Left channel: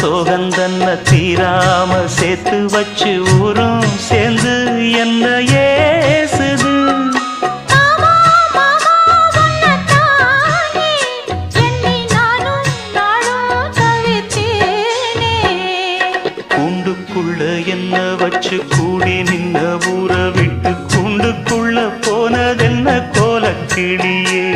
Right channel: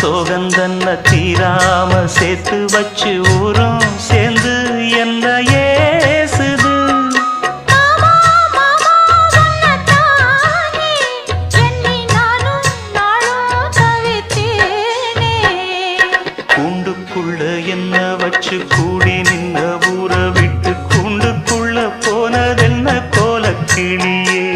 சோகந்தன்ன தீராம சேர்த்து வச்சு ஊரும் சேர்ந்து என்ன ஏசுது. கூண்டுக்குள்ள என்ன வச்சு கூடி நின்ன ஊற விட்டு கூண்டுக்குள்ள போனதென்ன கோலக்கிளியே.